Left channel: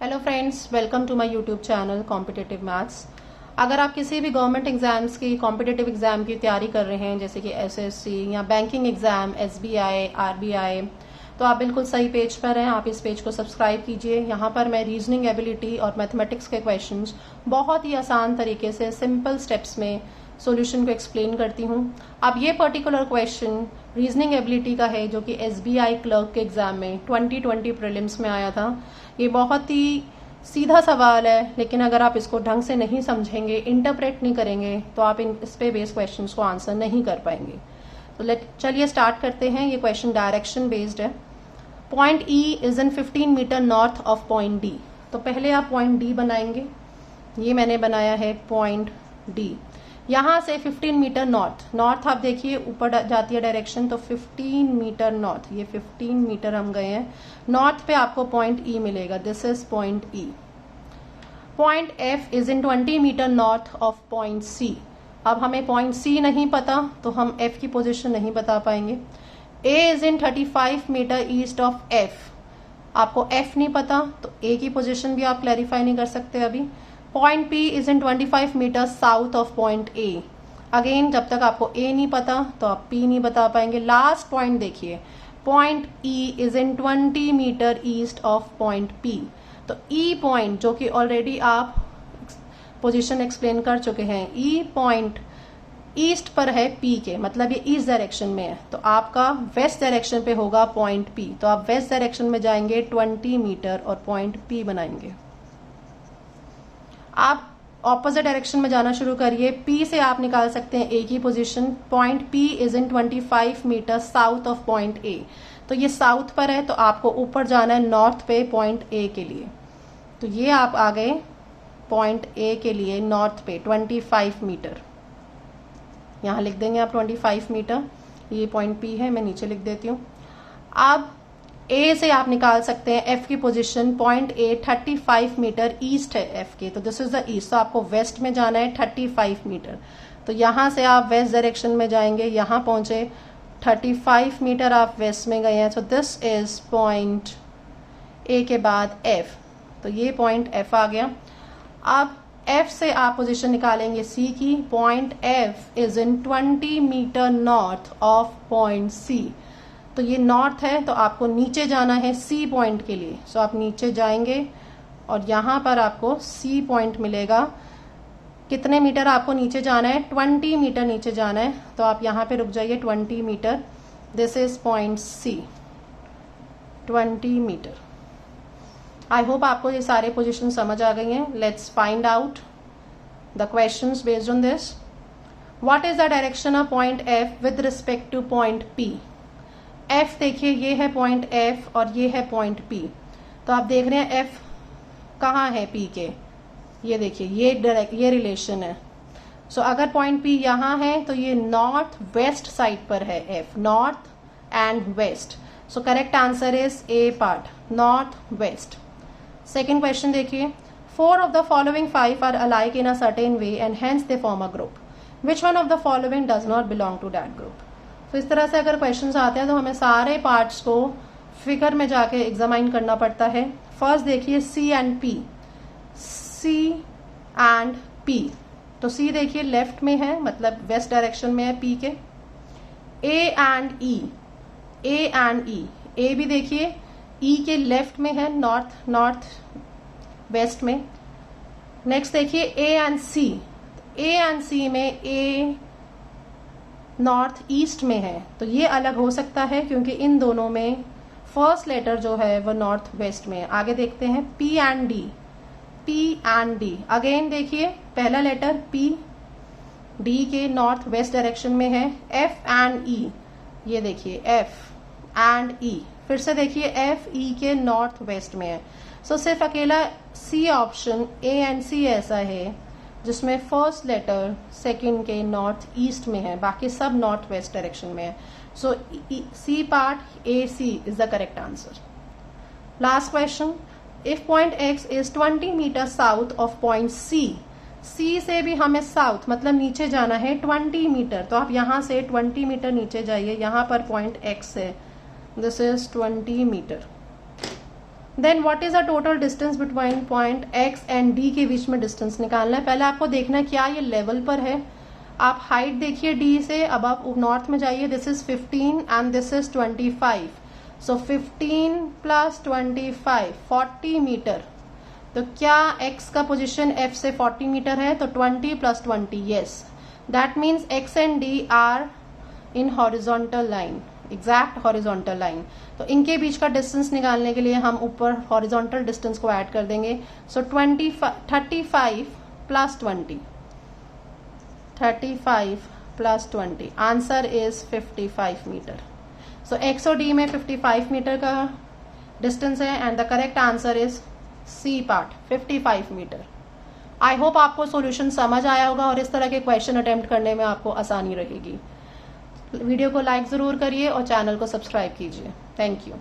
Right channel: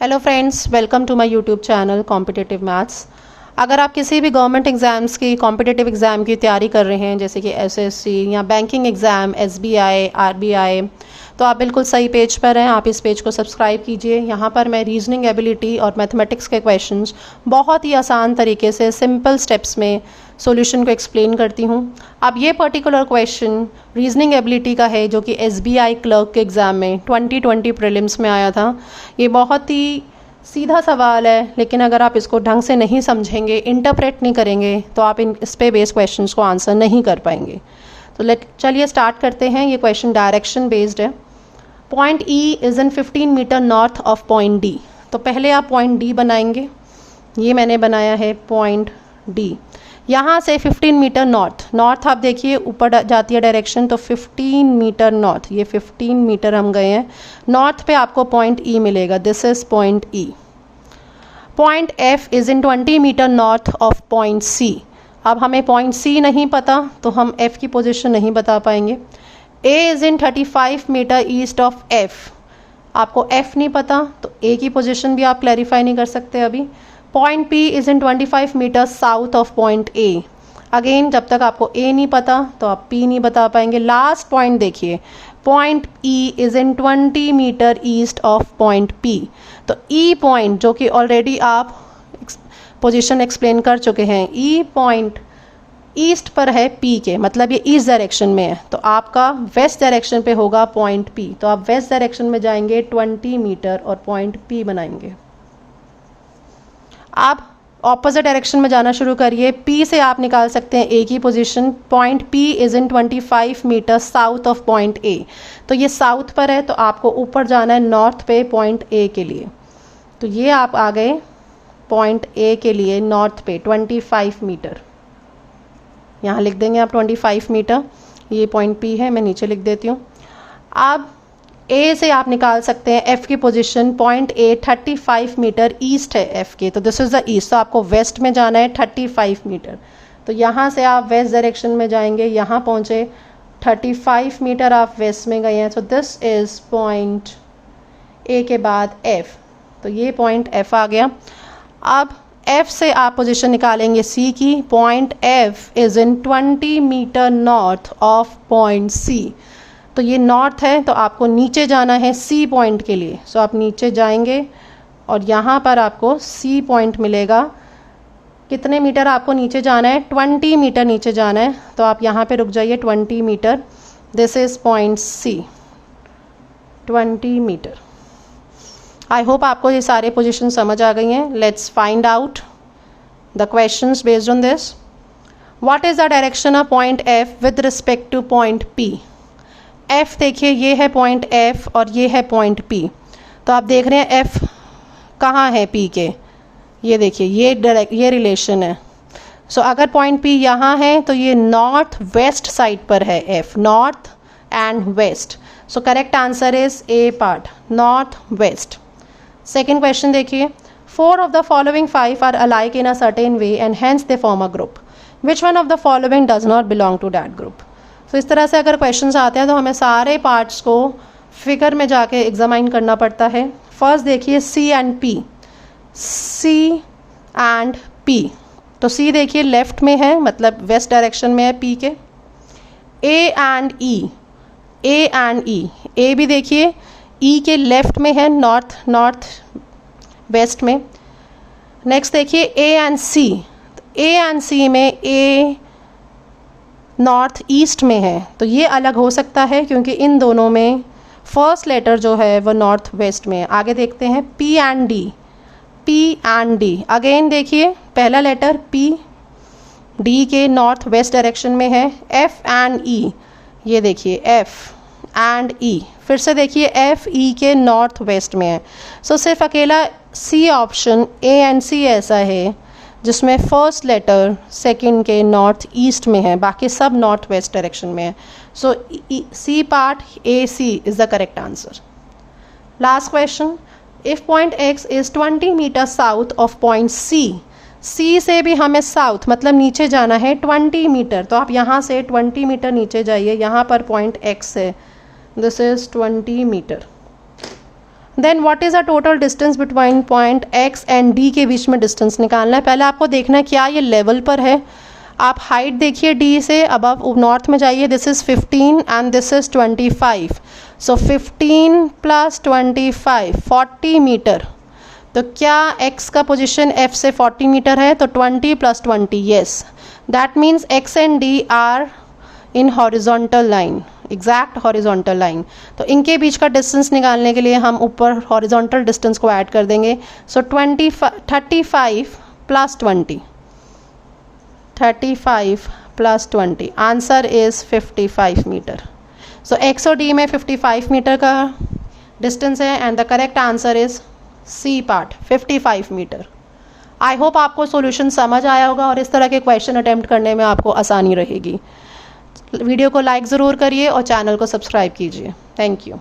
Hello friends, welcome to my YouTube channel competitive maths. अगर आप किसी भी गवर्नमेंट एग्ज़ाम्स की कॉम्पिटिटिव एग्ज़ाम की तैयारी कर रहे हैं, जैसे कि एसएससी या बैंकिंग एग्ज़ाम, एसबीआई, आरबीआई, तो आप बिल्कुल सही पेज पर हैं। आप इस पेज को सब्सक्राइब कीजिए। यहाँ पर मैं रीजनिंग एबिलिटी और मैथमेटिक्स के क्वेश्चंस बहुत ही आसान तरीके से सिंपल स्टेप्स में सॉल्यूशन को एक्सप्लेन करती हूँ। अब ये पर्टिकुलर क्वेश्चन रीजनिंग एबिलिटी का है, जो कि एसबीआई क्लर्क के एग्ज़ाम में 2020 प्रीलिम्स में आया था। ये बहुत ही सीधा सवाल है, लेकिन अगर आप इसको ढंग से नहीं समझेंगे, इंटरप्रेट नहीं करेंगे, तो आप इस पे बेस्ड क्वेश्चंस को आंसर नहीं कर पाएंगे। तो चलिए स्टार्ट करते हैं। ये क्वेश्चन डायरेक्शन बेस्ड है। Point E is in 15 metre north of point D. तो पहले आप पॉइंट डी बनाएंगे। ये मैंने बनाया है पॉइंट डी। यहाँ से 15 मीटर नॉर्थ आप देखिए ऊपर जाती है डायरेक्शन, तो 15 मीटर नॉर्थ, ये 15 मीटर हम गए हैं नॉर्थ पे, आपको पॉइंट ई मिलेगा। This is point E. Point F is in 20 metre north of point C. अब हमें पॉइंट सी नहीं पता, तो हम एफ की पोजीशन नहीं बता पाएंगे। A is in 35 metre east of F. आपको एफ नहीं पता, तो ए की पोजीशन भी आप क्लैरिफाई नहीं कर सकते अभी। Point P is in 25 metre south of point A. Again, जब तक आपको ए नहीं पता तो आप पी नहीं बता पाएंगे। लास्ट पॉइंट देखिए, point E is in 20 metre east of point P. तो ई पॉइंट, जो कि ऑलरेडी आप पोजीशन एक्सप्लेन कर चुके हैं, ई पॉइंट ईस्ट पर है पी के, मतलब ये ईस्ट डायरेक्शन में है, तो आपका वेस्ट डायरेक्शन पे होगा पॉइंट पी। तो आप वेस्ट डायरेक्शन में जाएंगे 20 मीटर और पॉइंट पी बनाएंगे। आप ऑपोजिट डायरेक्शन में जाना शुरू करिए। पी से आप निकाल सकते हैं ए की position. Point P is in 25 metre south of point A. तो ये साउथ पर है, तो आपको ऊपर जाना है नॉर्थ पे पॉइंट ए के लिए। तो ये आप आ गए पॉइंट ए के लिए नॉर्थ पे 25 मीटर। यहाँ लिख देंगे आप 25 मीटर। ये पॉइंट पी है, मैं नीचे लिख देती हूँ। अब ए से आप निकाल सकते हैं एफ की position. Point A 35 metre east है एफ के, तो दिस इज द ईस्ट। तो आपको वेस्ट में जाना है 35 मीटर। तो यहाँ से आप वेस्ट डायरेक्शन में जाएंगे, यहाँ पहुँचे 35 मीटर आप वेस्ट में गए हैं। So this is point A के बाद एफ। तो ये पॉइंट एफ आ गया। अब एफ से आप पोजीशन निकालेंगे सी की। Point F is in 20 metre north of point C. तो ये नॉर्थ है, तो आपको नीचे जाना है सी पॉइंट के लिए। सो आप नीचे जाएंगे और यहाँ पर आपको सी पॉइंट मिलेगा। कितने मीटर आपको नीचे जाना है? 20 मीटर नीचे जाना है। तो आप यहाँ पे रुक जाइए 20 metre. This is point C, 20 metre. I hope आपको ये सारे पोजीशन समझ आ गई हैं। Let's find out the questions based on this. What is the direction of point F with respect to point P? F देखिए, ये है पॉइंट एफ और ये है पॉइंट पी। तो आप देख रहे हैं एफ कहाँ है पी के, ये देखिए ये रिलेशन है। सो अगर पॉइंट पी यहाँ है तो ये नॉर्थ वेस्ट साइड पर है F, north and west. So correct answer is A part, north west. Second question देखिए, 4 of the following 5 are alike in a certain way and hence they form a group. Which one of the following does not belong to that group? तो इस तरह से अगर questions आते हैं तो हमें सारे पार्ट्स को फिगर में जाके एग्जामाइन करना पड़ता है। फर्स्ट देखिए C and P, C and P. तो सी देखिए लेफ्ट में है, मतलब वेस्ट डायरेक्शन में है पी के। A and E, A and ई, ए भी देखिए ई के लेफ्ट में है, नॉर्थ वेस्ट में। नेक्स्ट देखिए A and C, A and सी में ए नॉर्थ ईस्ट में है, तो ये अलग हो सकता है क्योंकि इन दोनों में फर्स्ट लेटर जो है वो नॉर्थ वेस्ट में है। आगे देखते हैं P and D, P and D. Again देखिए पहला लेटर पी डी के नॉर्थ वेस्ट डायरेक्शन में है। एफ एंड ई, ये देखिए एफ एंड ई। फिर से देखिए एफ ई के नॉर्थ वेस्ट में है। सो सिर्फ अकेला सी ऑप्शन ए एंड सी ऐसा है जिसमें फर्स्ट लेटर सेकंड के नॉर्थ ईस्ट में है, बाकी सब नॉर्थ वेस्ट डायरेक्शन में है। So C part A C is the correct answer. Last question, if point X is 20 metre south of point C. C से भी हमें साउथ मतलब नीचे जाना है 20 मीटर। तो आप यहाँ से 20 मीटर नीचे जाइए, यहाँ पर पॉइंट एक्स है, this is 20 metre. Then what is a total distance between point X and D के बीच में डिस्टेंस निकालना है। पहले आपको देखना है क्या ये लेवल पर है। आप हाइट देखिए डी से अबव नॉर्थ में जाइए, this is 15 and this is 25, so 15 + 25 40 metre. तो क्या x का पोजीशन f से 40 मीटर है, तो 20 + 20, yes, that means x and d are in horizontal line, exact horizontal line. तो इनके बीच का डिस्टेंस निकालने के लिए हम ऊपर हॉरिजॉन्टल डिस्टेंस को ऐड कर देंगे। So 35 + 20, 35 + 20, answer is 55 metre. So x और d में 55 मीटर का डिस्टेंस है and the correct answer is C part, 55 metre. I hope आपको सॉल्यूशन समझ आया होगा और इस तरह के क्वेश्चन अटेम्प्ट करने में आपको आसानी रहेगी। वीडियो को लाइक ज़रूर करिए और चैनल को सब्सक्राइब कीजिए। Thank you.